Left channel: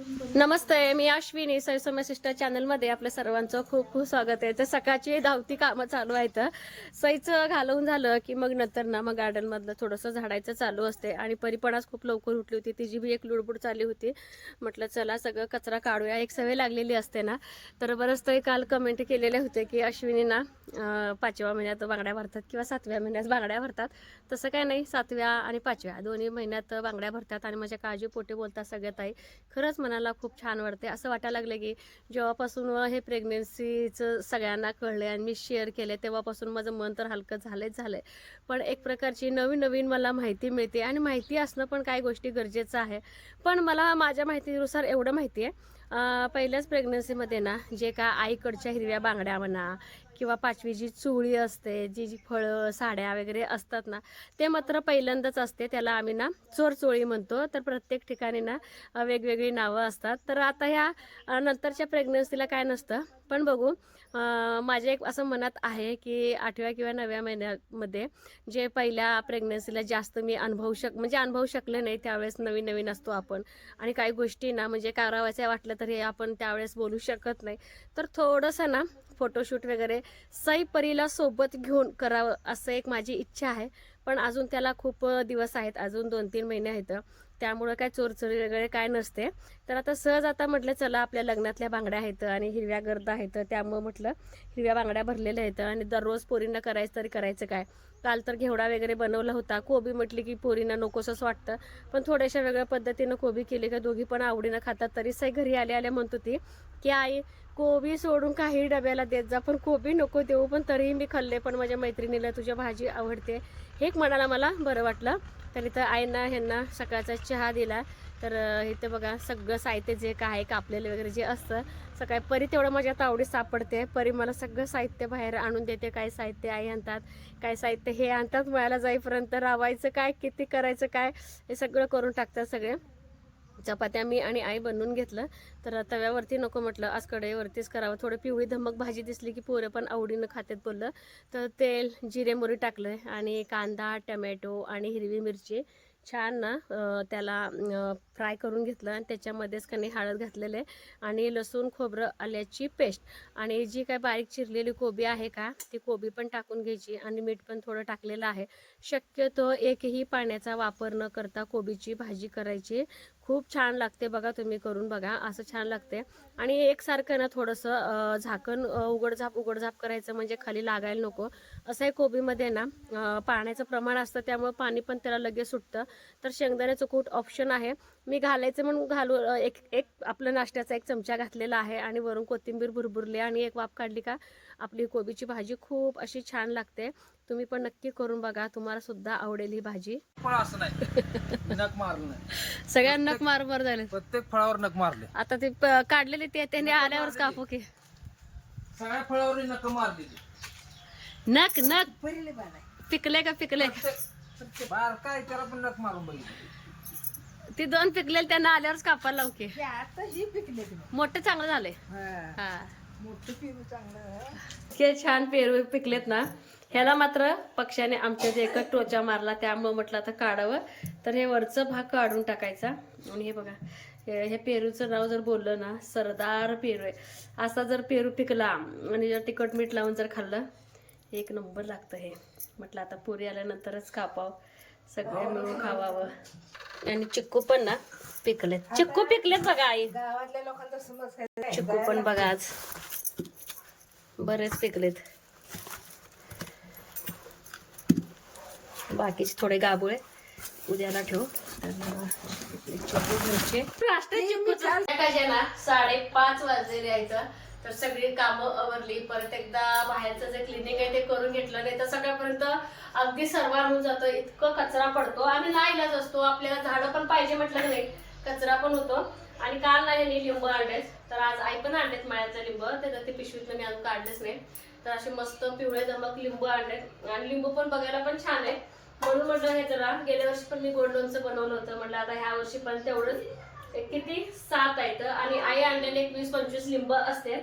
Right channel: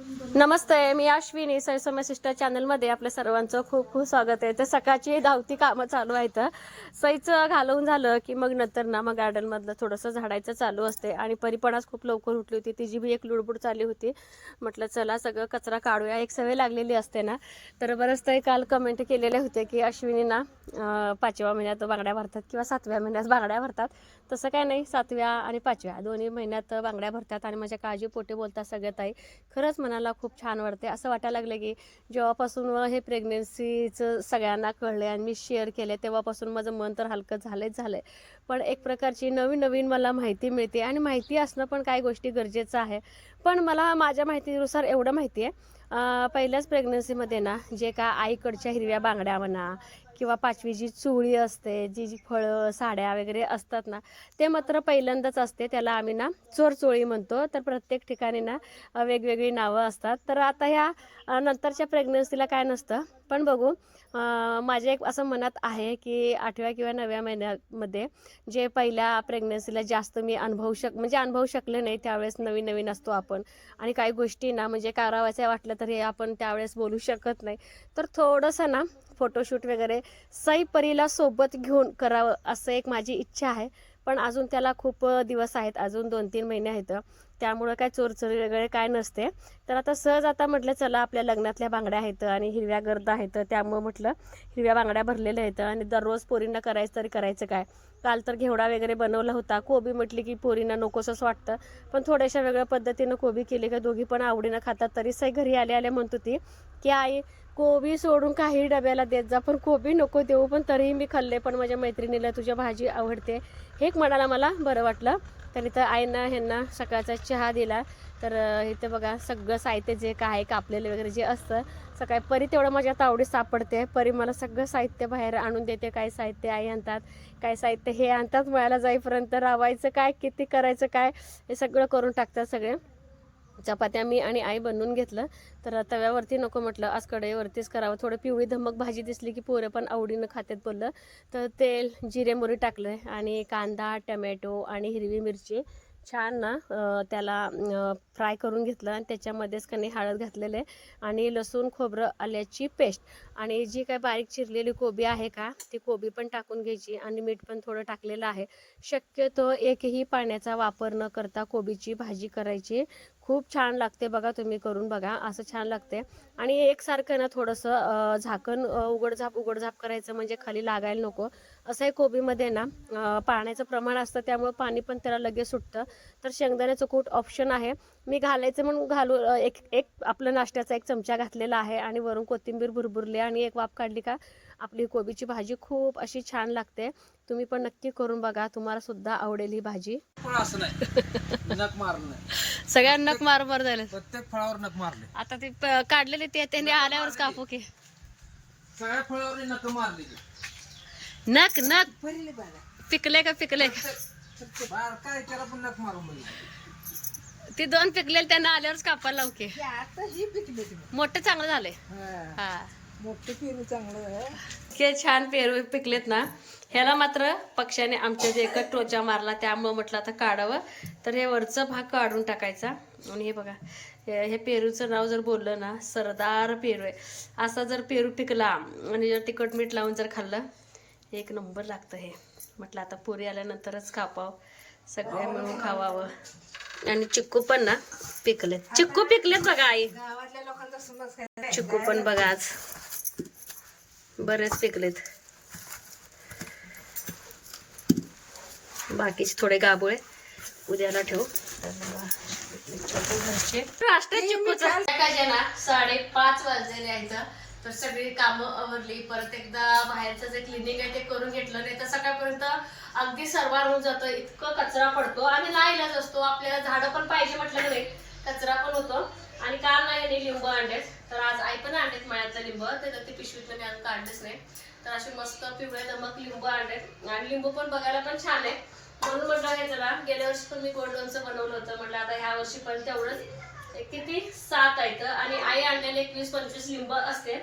नमस्ते मी Ashwini. सैसम्य sister चॅनलमध्ये आपल्या सर्वांचं खूप खूप स्वागत आहे. तर सकाळची धावती कामं चालू आहेत. सईचं घालवून झालं की मग नंतर ना मग गार्डनमधलं थोडंसं झाडायचं चालू असते. आणि परीपणाच खूप लवकर उठली होती. तिची बी एक लुडबुड चालली होती. म्हटलं चला सगळं कचरा काढूया. एक सवय लागलेली असते ना. तर बरंच ते काल कमेंट केलेले होते की अश्विनी ना पाचव्या महिन्यात बांगड्या भरतात किंवा सातव्या महिन्यात बांगड्या भरतात. तसं काय नाही सातव्या आणि पाचव्या. दोन्ही महिन्यात बांगड्या भरतात आणि माझ्या काळजी पोटे बोलतात सगळ्यात आई खरंच मनाला खूप छान वाटते असं वाटायला लागलं की जेव्हापासून हे प्रेग्नेन्सीचं सगळ्यांना कळले आणि मी शेअर केले तेव्हापासून माझं मन तर हलकं झालंच झालं आहे पण एक प्रकारची नवीन नवीन मला माहिती मिळते आणि माहिती असणं पण काही गोष्टी गरजेचं आहे. पण मला माझ्या माहितीनुसार एवढं माहिती आहे पहिल्याच प्रेग्नन्सीमध्ये ना जे का आईकडच्या हिरव्या बांगड्या म्हणा किंवा पाचवी जी चुळी असते जी जी फळं साड्या वगैरे असतात ना ते मात्र पहिल्यांदाच असते. त्याला आम्ही ना चोरचोळी म्हणतो. तर प्रत्येक ठिकाणी ना वेगवेगळी नावं असतात. तर आता ह्या नंतरच्या प्रेग्नन्सीला काय नसतं. पण बघू माझ्या एक असं मनात आहे की आठव्या किंवा नवव्या महिन्यामध्ये जे पहिल्या प्रेग्नन्सीला जास्त मी अनुभवू शक म्हणजे अनुभवू शकले नाही त्यावेळेस नवीन नवीन असतो आपण. आणि काही गोष्टी ना म्हणजे करावायचं वाटलं तरी आपण त्यावेळेस बोलू शकत नाही. तर थोडंसं ना फोटोशूट वगैरे सई परीला सोबत घेऊन करावं असं एक माझी इच्छा आहे. पण अजून त्याला खूप दिवस आहेत. अजून दोन तीन महिने आहेत. त्यामुळं काय चोरचोरी वगैरे काय नसते. तर आता सहज आता म्हटलं चला आपल्या लग्नातल्या बांगड्या आहेत आणि हिरव्या गर्द आहेत. त्यामुळं म्हटलं हिरव्या बांगड्या भरलेल्या आहेत आणि दररोज पोरींना करायचं तरी करायचं काय? काल तर घेवडा वगैरे बनवला होता. कोबी म्हटली की पोरींना नकोसंच वाटतं. पण थोड्याशा वेगळ्या पद्धतीनं कोबी केली का दोघी पण आवडीनं खातात. तरी सई घरी आले आले म्हणत होती की आई कोबी सोडून काही डब्याला देत जा. पण कोबी नको देऊ पण तरीही मी खाल्ले पण माझ्या मैत्रिणीला तुझ्या भाजी आवडते. हे एक म्हणाला मला बरं वाटलं. तर इथं आईना ह्यांना सकाळचा चहा दिला. तर इथं बघा सगळं साहित्य जे काय आहे कापलेलं वगैरे जे असतं सकाळी परी तेवढं माझ्या तावडीत सापडते. परी मला सगळं साहित्य बाहेर आणून देते. काय साहित्य आई आणतात काय साहित्य हे आणतात. मळायला जाईपर्यंत रावायचं काय किती करायचं काय हे सगळं करून टाकतात सगळे. चपात्या मी आणि आई बनवून घेतलं. तर तव्यावरती नको म्हटलं. आज कढईवरतीच करावं. थोडं पिवळी धमक भाजी दिसली की पोरं पण आवडीनं खात्यात बोललं. तर तेल जिरे मोरी टाकलं आणि कांदा टमॅटो आणि हिरवी मिरची छान ना त्याला फ्राय करून घेतलं आणि त्याच्यामध्येच कणी हळद घातलेलं आहे आणि लसूण खोबरं आल्याची पेस्ट. आणि जी काय बारीक चिरलेली कोबी आहे का ती कोबी पण टाकून घ्यायची आणि मीठ पण थोडं टाकलेलं आहे. शक्यतो एकही पाण्याचा वापर न करता कोबीची भाजी करायची. खूप छान लागते बघा तुम्ही करून बघा असं छान लागते. आणि एकसारखं ना थोडंसं झाकण उघडझाप उघडझाप करायचं म्हणजे खाली लागायला नको. असं आहे कोबीमध्ये ना पाण्याचं प्रमाण असतं त्यामुळे पाणी पण त्याला लगेच सुटतं. तर शेंगदाण्याचं कूट ऑप्शन आहे. मी घालायचं म्हणून घालू एक एक आपलं नाश्त्याचा एक चमचा घातलेला आहे आणि वरून कोथिंबीर भुरभुरली आणि एक वाफ काढली का? आपली कोबीची भाजी खूप अशी छान लागते. तुम्ही पण नक्की करून बघा तुम्हाला सुद्धा आवडेल ही भाजी. फळ असं नाही. नख मारलं नाही. सगळ्यांना मार मार झाले. प्रत्येक फळावर नख मारले. आता ते काढलेले ते त्यांनी आल्यावरच कापू की. सगळ्या फळावर नख मारले नक नक पिकले का पिकले काय त्याला पण मारून ती दोन पिकलेले त्यांना आल्यावरच कापायला लावू की. आता पिकले ते मोठे चांगलं झाले हा. हा मोठं पेरू चांगलं झालं छान पेरू पिकलेत ना. ह्याला मात्र पक्ष्याने आमच्या जे एकच टोचा मारला त्यामुळं म्हटलं आता काढावं. तर हे वरचं भाग काढून टाकायचा. आणि हे बघा हे पेरूचं नाव जर बोललं ना सरदार पेरू आहे. असा जर पेरू पिकला आणि जर तिखट मीठ लावून जर खाल्लं एक नंबर लागतं हे. म्हटलं आता पुरी आल्यानंतरच कापावं. सगळे मिळून खावावं. आणि चिक्कू पण ना पिकलेत. चिक्कू पिकलेत बघा आई. गावातल्या लोकांचा समज काय चिकू पण बघा आज. बरेच पिकलेत. बाकीचे थोडे गाबोळे. उद्याला ठेवू. ना साडेपाच वाजले यायचं तर सगळी कामं आवरली. परत एकदा बाहेरचं जे क्लिनिंग आहे ते करून घेतलं नाही तर सकाळपर्यंत अगदी सर्वार होऊन जातं. इतकं कचरा पडतो आणि लाईलाच असतो. आपल्याला झाडं पण पाहिजे म्हटलं नाही कचरा पण होतो. आणि काल नाही लिंब आणलेत. तर आज आई पण आणलेत माळ्याचा लिंब. त्याच्यात ते पिशवीतलं मी अजून काढलेच नाही. तर असे मस्त पिवळे दमक लिंबू आणलेत. आणि लिंबू पण बघायला पण छान आहे. म्हणून म्हटलं हे जरा गेल्या वर्षी पण मी गोड लोणचं बनवलं होतं. म्हटलं आता ह्या वर्षी पण तेवढंच. किती? सात आहेत आणि आई आणलेले एक वीस पंचवीस लिंब असते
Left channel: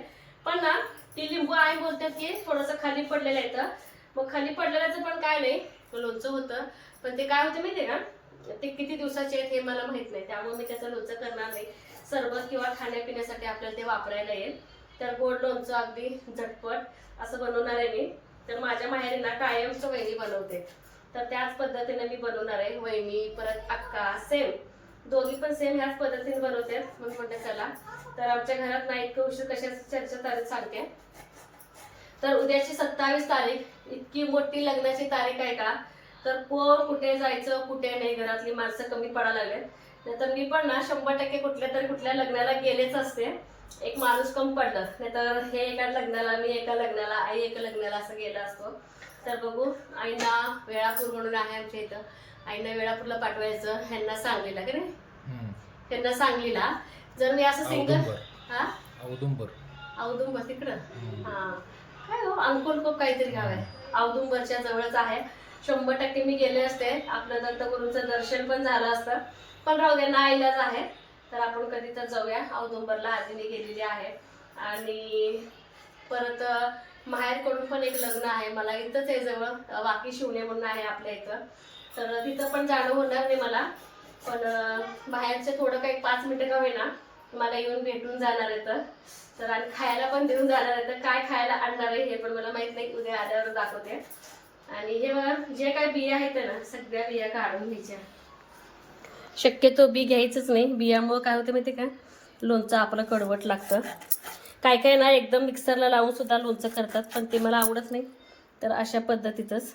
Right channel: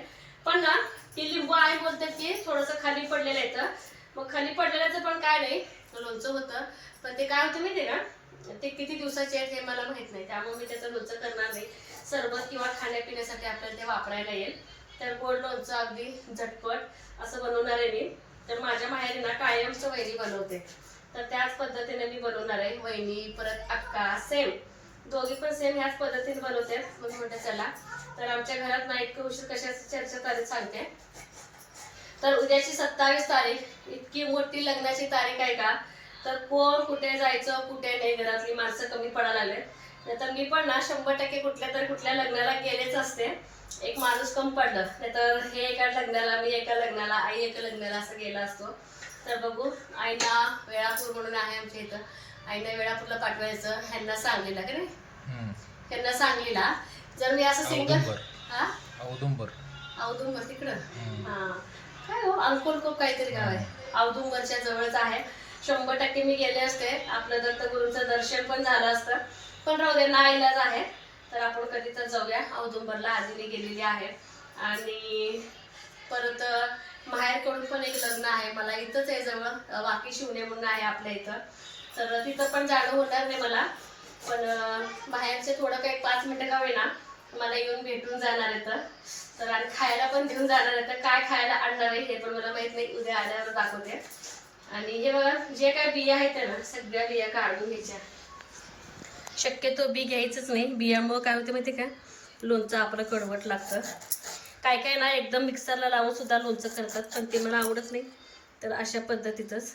पण ना ती लिंबू आई बोलतात की थोडंसं खाली पडलेलं येतं मग खाली पडलेल्याचं पण काय नाही. लोणचं होतं. पण ते काय होतं आहे का? ते किती दिवसाचे आहेत हे मला माहीत नाही. त्यामुळे मी त्याचं लोणचं करणार नाही. सरबत किंवा खाण्यापिण्यासाठी आपल्याला ते वापरायला येईल. तर गोड लोणचं अगदी झटपट असं बनवणार आहे मी. तर माझ्या माहेरी ना कायमचं वहिनी बनवते. तर त्याच पद्धतीने मी बनवणार आहे. वहिनी परत अक्का सेम. दोघी पण सेम ह्याच पद्धतीने बनवते. मग म्हटलं चला. तर आमच्या घरात नाईट उशीर कशाची चर्चा तारीख सांगते. तर उद्याची सत्तावीस तारीख. इतकी मोठी लग्नाची तारीख आहे का? तर कोण कुठे जायचं कुठे नाही घरातली माणसं कमी पडायला लागले नाहीतर मी पण ना शंभर टक्के कुठल्या तर कुठल्या लग्नाला गेलेच असते. एक माणूस कम पडलं. नाहीतर हे एका लग्नाला मी एका लग्नाला आई एका लग्नाला असं गेला असतो. तर बघू आईना वेळापूर म्हणून आहे आमच्या इथं. आईना वेळापूरला पाठवायचं ह्यांना सांगलीला की नाही? ह्यांना सांगलीला. जर मी असं सिंगल औदुंबर. हा? औदुंबर. औदुंबर तिकडं. हा. काय हो? अंकोलकोप काहीतरी गाव आहे. औदुंबरच्या जवळच आहे. शंभर टक्के मी गेले असते. आपलं दत्तगुरूंचं दर्शन पण झालं असतं. पण राहू दे ना इलाज आहे. तर आपण कधी तर जाऊया. औदुंबरला आजीने गेलेली आहे. आणि परत माहेरकडून पण एक लग्न आहे. मला इथंच आहे जवळ. वाकी शिवणे म्हणून आहे आपल्या इथं. तर तिथं पण जाणं होणार नाही मला. पण बाहेरचे थोडं काही पाच मिनटं का होईना मला येऊन भेटून जाणार आहे तर तर आणि खायला पण देऊन जाणार आहे तर काय खायला आणणार आहे हे पण मला माहीत नाही. उद्या आल्यावर दाखवते. आणि हे बघा, जे काय बिया आहेत ना सगळ्या बिया काढून घ्यायच्या. शक्यतो बी घ्यायचंच नाही. बियामुळं काय होतं माहिती का? लोणचं आपलं कडवट लागतं. काय काय ना एकदम मिक्सरला लावून सुद्धा लोणचं करतात पण ते मला आवडत नाही. तर अशा पद्धतीतच.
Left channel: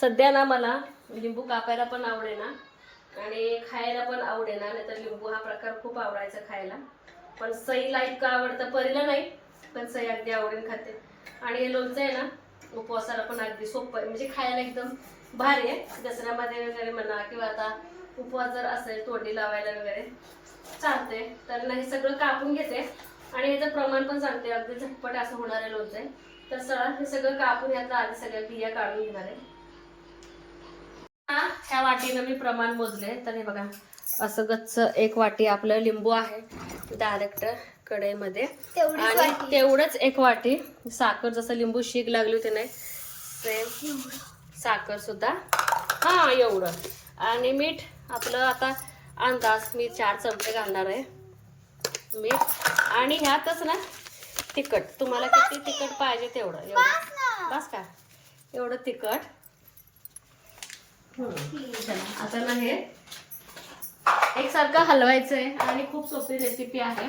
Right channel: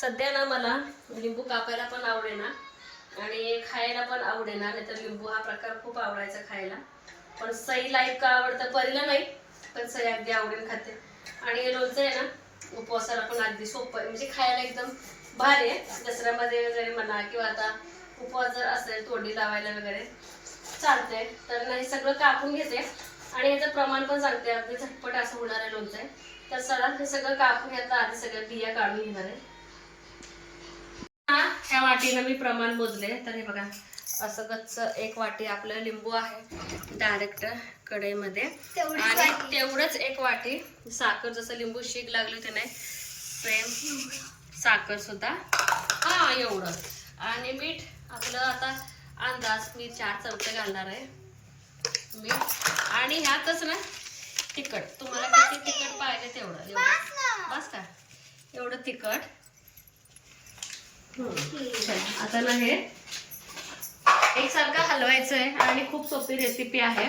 सध्या ना मला लिंबू कापायला पण आवडेना आणि खायला पण आवडेना नाही तर लिंबू हा प्रकार खूप आवडायचा खायला. पण सईला इतकं आवडतं परीला नाही पण सई अगदी आवडीन खाते. आणि हे लोणचं आहे ना उपवासाला पण अगदी सोपं आहे. म्हणजे खायला एकदम भारी आहे. दसऱ्यामध्ये वगैरे म्हणा किंवा आता उपवास जर असेल तोंडी लावायला वगैरे चालते तर नाही सगळं कापून घेते. आणि याचं प्रमाण पण सांगते अगदी झटपट असं होणार आहे लोणचं. आहे. तर चला हे सगळं कापून यातलं आधी सगळ्या बिया काढून घेणार आहे. ह्या वाटीनं मी प्रमाण मोजले तर हे बघा असं गच्च एक वाटी आपलं लिंबू आहे. डायरेक्ट कढईमध्ये. आणि तेवढंच एक वाटी. साखर जसं लिंबू शीक लागली होती नाही सेम साखर सुद्धा. हा एवढं. आणि मीठ आपलं आता अंदाज मी चार चमचे घालणार आहे. मीठ. आणि ह्यातच ना तिखट. तुम्हाला किती तिखट पाहिजे तेवढं. एवढं. बस का? एवढं तिखट. चला, आता ना हे एकसारखं हलवायचं आहे आणि खूप सोपी रेसिपी आहे.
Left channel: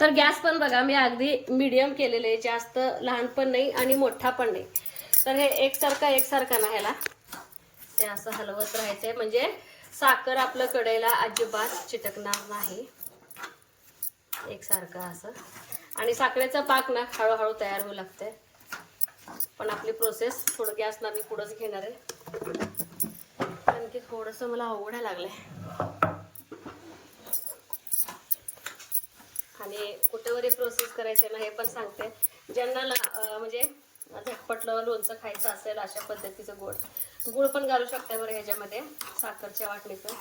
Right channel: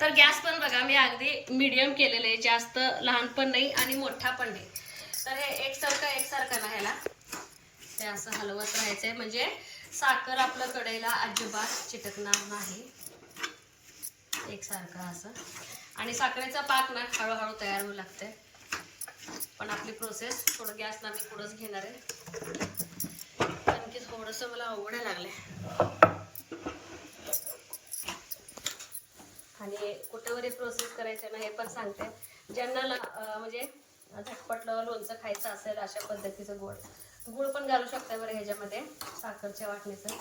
तर गॅस पण बघा मी अगदी मीडियम केलेलं आहे. जास्त लहान पण नाही आणि मोठा पण नाही. तर हे एकसारखं एकसारखं ना ह्याला. हे असं हलवत राहायचंय. म्हणजे साखर आपलं कडेला अजिबात चिटकणार नाही. एकसारखं असं. आणि साखरेचा पाक ना हळूहळू तयार होऊ लागते पण आपली प्रोसेस थोडं गॅसला मी पुढंच घेणार आहे. कारण थोडंसं मला आवड लागलं आहे आणि कुठेवरी प्रोसेस करायचे ना हे पण सांगते. ज्यांना म्हणजे झटपटलं लोणचं खायचं असेल अशा पद्धतीचं गोड. गुळ पण घालू शकता बरं ह्याच्यामध्ये साखरच्या वाटणीचं.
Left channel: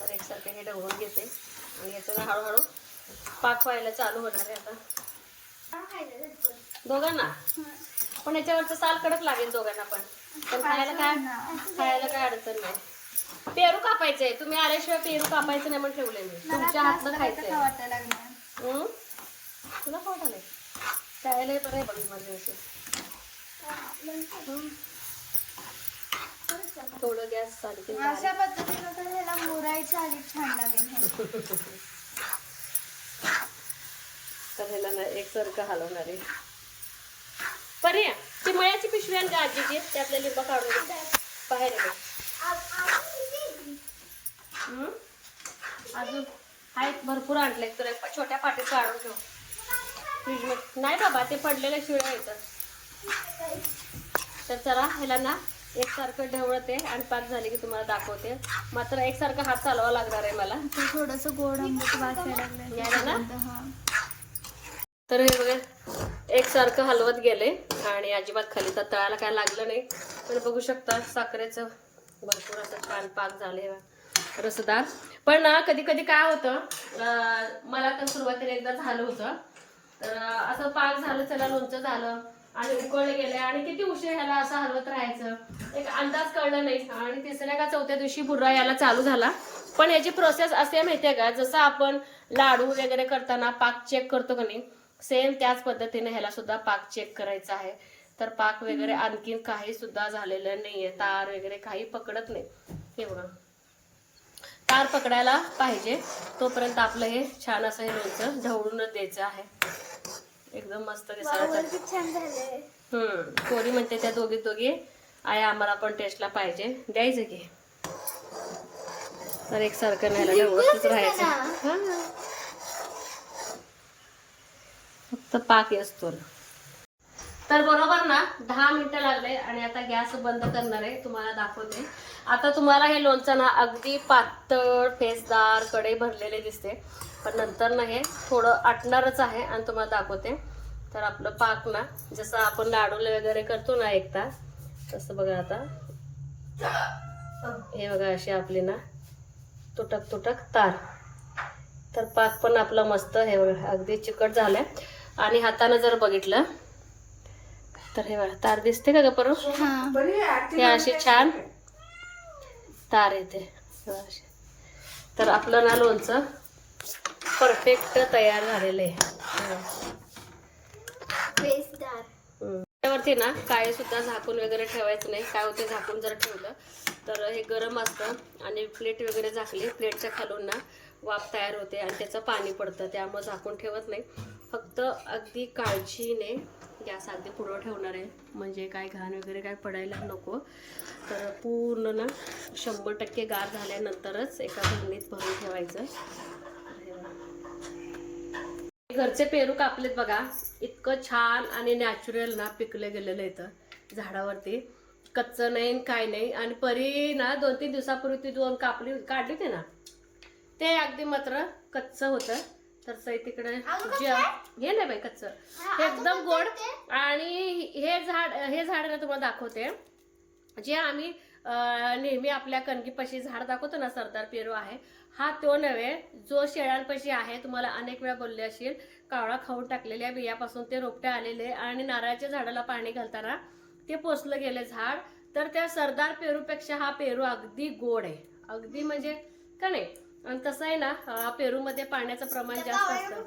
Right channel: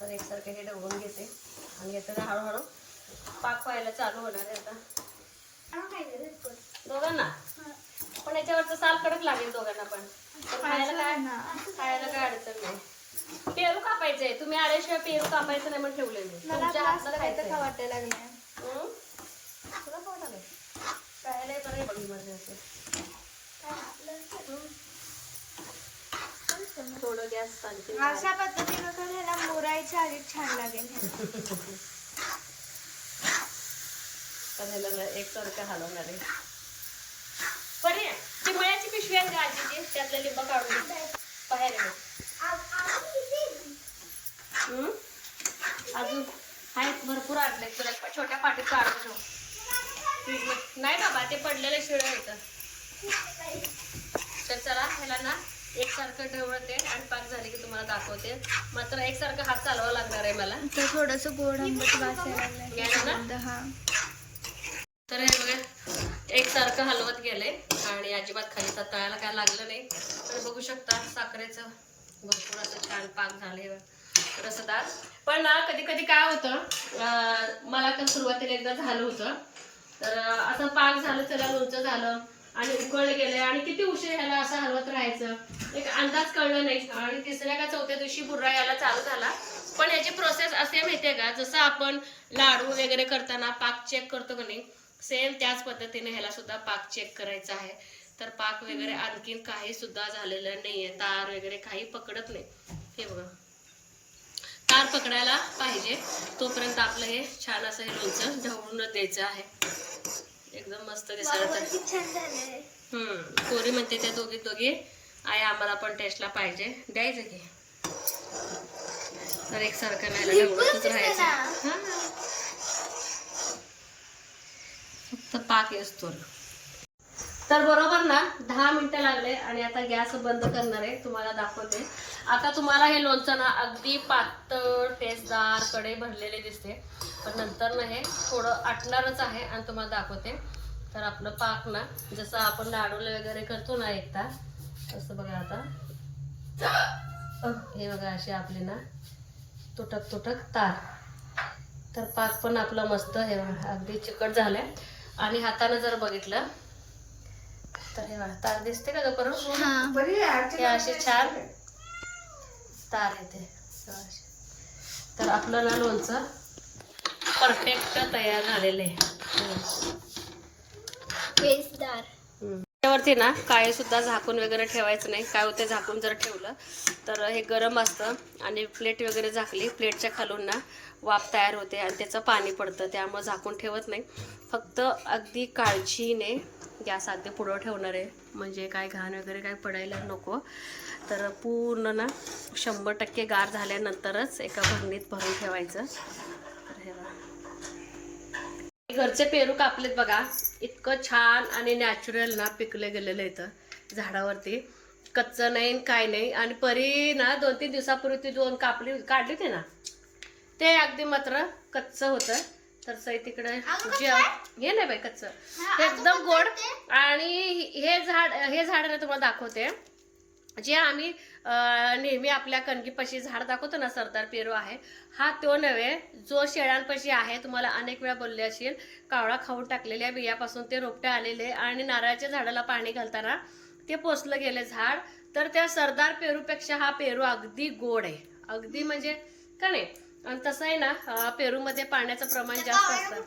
तर एकसारखं हे ढवळून घेते. आणि याचं ना हळूहळू पाक व्हायला चालू होणार आहे आता. दोघांना? पण याच्यावरचं साल कडक लागेल दोघांना पण. तर खायला काय खायला काय अडचण नाही. पेरू कापायचे तुम्ही आल्याशिवाय पेरू कापायचं नाही म्हणून ठेवले मी. तुमच्या हातनं खायचं वाटायला हं? तुला कोण आलंय खायला बरं आहे बघ माझं असं थोडं गॅस चालू केला. अशा पद्धतीनं तर ह्याला मोरायच्या आधी छान लागेल हे. एकसारखं हलवणार आहे. परे चिमळ्याची पिशवी आणि आजीची? त्यातले लिंब काढून. बाहेर? अजून? आहेत भरपूर आणले तर छोट्या पाटीत काढून ठेव फ्रीजमध्ये नाही बाबा ते पडलेलं शिळ येतं तर चला ह्याला ना एकसारखं ढवळते आणि पाक झाले की तुम्हाला दाखवते. मात्र एकसारखं हात चालवा लागणार आहे मला. ते थोडस गोड आंबट? लागलं हा तर हे बघा एकसारखं हलवत गेले आणि अजिबात खाली तर तळायला काय लागलं नाही. तर बघू शकता साखरेचं भरपूर असं छान पाक झाले रसदार. पण ना कधी कधी काय होतं मला तर सुरुवातीला एकदा झालं होतं. तर असं पाक झालं चला लोणचं झालं आणि उकळले गेले आणि किती उशीर ह्याला असं हलवत राहायचं एक अंदाज कळलं नाही. आणि तिसऱ्या का चौथ्या दिवशी बुर्रा यायला चालू झाला. पण याची प्रोसेस असे माहितीये का जसं आपण लाडू वगैरे करताना पाक चेक करतो का नाही सेम त्याच पद्धतीने ह्याला सुद्धा पाक चेक करायचा आहे. तर पाक वगैरे आणखीन काही सुद्धा झालेलं नाहीये तार वगैरे काही पकडत नाही. हे बघा. तार पकडायला पाहिजे. तोपर्यंत आपलं हे छान असं हे लोणचं ढवळूनच द्यायचं आहे. एकदम मस्त दिसायला पोरी म्हणते त्या दोघी दोघी आई आम्हाला पण टेस्टला पाहिजे. द्यायचं की. तर एकसारखं नाही एवढंच राहायचं. हा. फक्त पाक असतो तर बरोबर ना? दहा मिनटं लागले आणि आता गॅस बंद करणार आहे. तुम्हाला दाखवते. आता तुम्हाला हे लोणचं ना अगदी पातळ फेसदारकडे भरलेले दिसते. पण नंतर ना हे थोडं आटणारच आहे आणि तुम्हाला दाखवते. तर आपलं पाक ना जसं आपण लाडूले वगैरे करतो ना एकदा तसं बघा आता. हे बघा असे आपले ना तुटक तुटक तार. तर पाक पण आपलं मस्त हे बघा अगदी चिकट झालं आणि हाताने जर बघितलं तर हे बघा तार दिसते का ग हा. अशी छान तार येते. तर आपलं ना लोणचं परफेक्ट तयार झालेलं आहे. त्यावरती ना काय सुद्धा झाकून वगैरे ठेवायचं नाही. काय होते झाकून जर ठेवलं तर हे गरम असतं आणि प्लेट वगैरे झाकली प्लेटच्या खालून ना वाफ तयार होते आणि त्याचं पाणी पडतं त्यामुळं झाकून ठेवत नाही. फक्त अगदी काळजीने गॅस अगदी पुढं ठेवणार आहे. म्हणजे काय घाण वगैरे काय पडायला नको. तर पूर्ण ना शंभर टक्के गार झाल्यानंतरच एका भरणीत भरून ठेवायचं. तर हे बघा. घरचे पेरू कापलेत बघा. इतकं छान आणि नॅचरल ना पिकले गेलेलं इथं झाडावरती. कच्चं नाही काय नाही. आणि परी ना दोन तीन दिवसापूर्वी ती दोन कापली काढली होती ना? ते अगदी मात्र कच्चं होतं. तर सई तिकडे जे हे नाही बाई कच्चं. हे एकदम गोड आणि हे झाड हे झाड ना तुम्हाला दाखवते. जे आम्ही नेहमी आपल्या कणकीपाशी झाड दाखवतो ना सरदार पेरू आहे हा तो नव्हे जो शेळ्यांपाशी आहे तुम्हाला अनेक वेळा बोलले असेल कावळा खाऊन टाकलेल्या बियापासून ते रोपटे आलेले आणि नारळाच्या झाडाला पाणी घालताना ते पोचलं गेले झाड. तर त्या सरदार पेरूपेक्षा हा पेरू अगदी गोड आहे. अगदी म्हणजे का नाही? आणि तसं आहे ना पेरूमध्ये पाण्याचं प्रमाण जास्त असतं.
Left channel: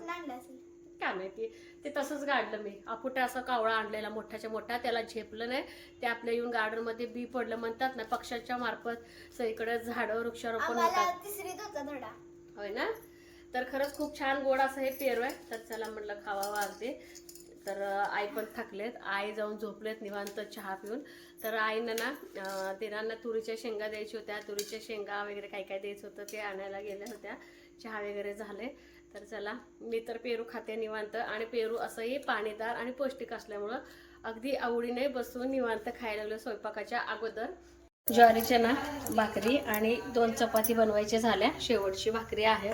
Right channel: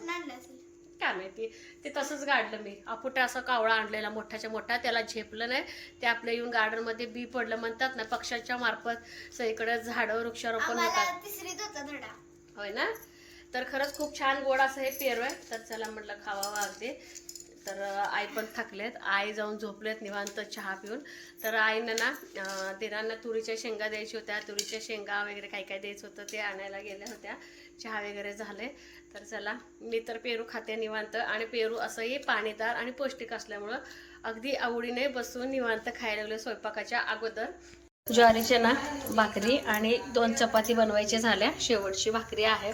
काय माहिती ते तसंच गाडलं मी. अपुटे असं कावळा आणलेला मोठ्याच्या मोठा त्याला झेपलं नाही. ते आपल्या येऊन गार्डनमध्ये बी पडलं म्हणतात ना पक्ष्यांच्या मार्फत सगळीकडे झाडं वृक्षारोपण होतात. होय ना? तर खरंच खूप छान गोड असं हे पेरू आहे. तर चला म्हटलं खावावं अगदी तर आई पण थकलेत. आई जाऊन झोपलेत निवांत चहा पिऊन. तर आईनं ना अं, दिरांना तुरीच्या शेंगा द्यायच्या होत्या. तुरीच्या शेंगा वगैरे काय काय द्यायचं होतं ते आणायला गेल्या होत्या. चहा वगैरे झाले. तर चला मी तर पेरू खाते निवांत. आणि पेरू असंही पाणीदार आणि पौष्टिक असल्यामुळं अगदी आवडीने बसून निवांत खायला लागले स्वयंपाकाच्या अगोदर. ज्वारीच्या ना भाकरी आणि दोन चपाती बनवायची झाल्या. शेवटची भाकरी आहे.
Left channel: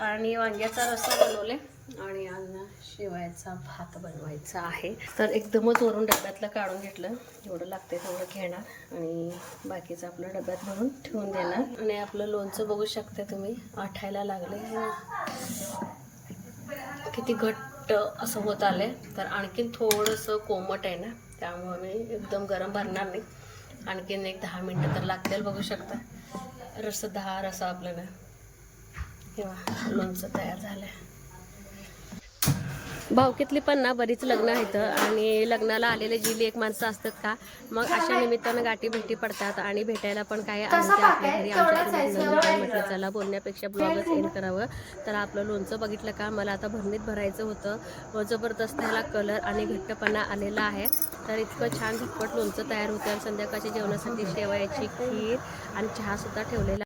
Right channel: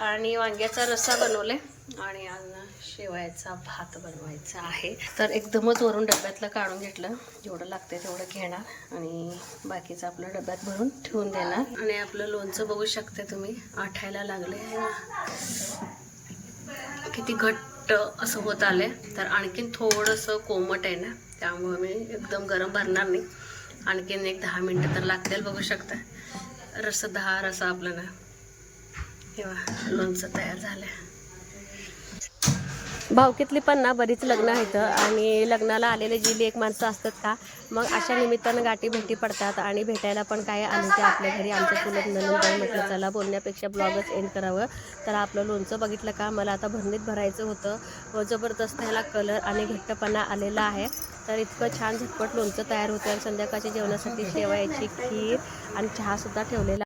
आणि वांग्याचा रस्सा बनवले. आणि आज शेवयाचा भात बनवायचा आहे. तर एकदमच वरून डब्यातलं काढून घेतलं. जेवढं लागते तेवढं घेणार आणि बाकीचं आपलं डब्यात भरून ठेवून देणार. आणि आपलं लोणचं बघू शकते तुम्ही आठायला लागले किती घट्ट असं होत आलंय. तर आणखीन थोडंसं कोमट आहे ना त्यामुळे मी एकदम गरम भरणार नाही. आणखीन एक दहा मिनटं तर लागतील बघू शकता रस दहा रसा आपलं ना किंवा लोणचं तयार झालं भावकीतली पण ना बरीच लग्न आहेत आणि लग्नाला आलेले जी लेख माणसं असतात का मग अशा निमित्तानं गाठी भेटी पडतात आणि भेटायला पण काय आले ते आपल्या घरी आमच्या लग्न म्हटलं चला बोलण्यापेक्षा ब्लॉगच एंड करावं. तर आपलं लोणचं बघितलं का मला आता भरणीत भरायचं होतं. व जबरदस्त ह्याला कलर आणि घट्टपणा आलेला आहे. तर इतकं छान झटपट लोणचं तयार होतं आणि संध्याकाळच्या जेवणासाठी शेवयाची खीर आणि चहासुद्धा ठेवलेला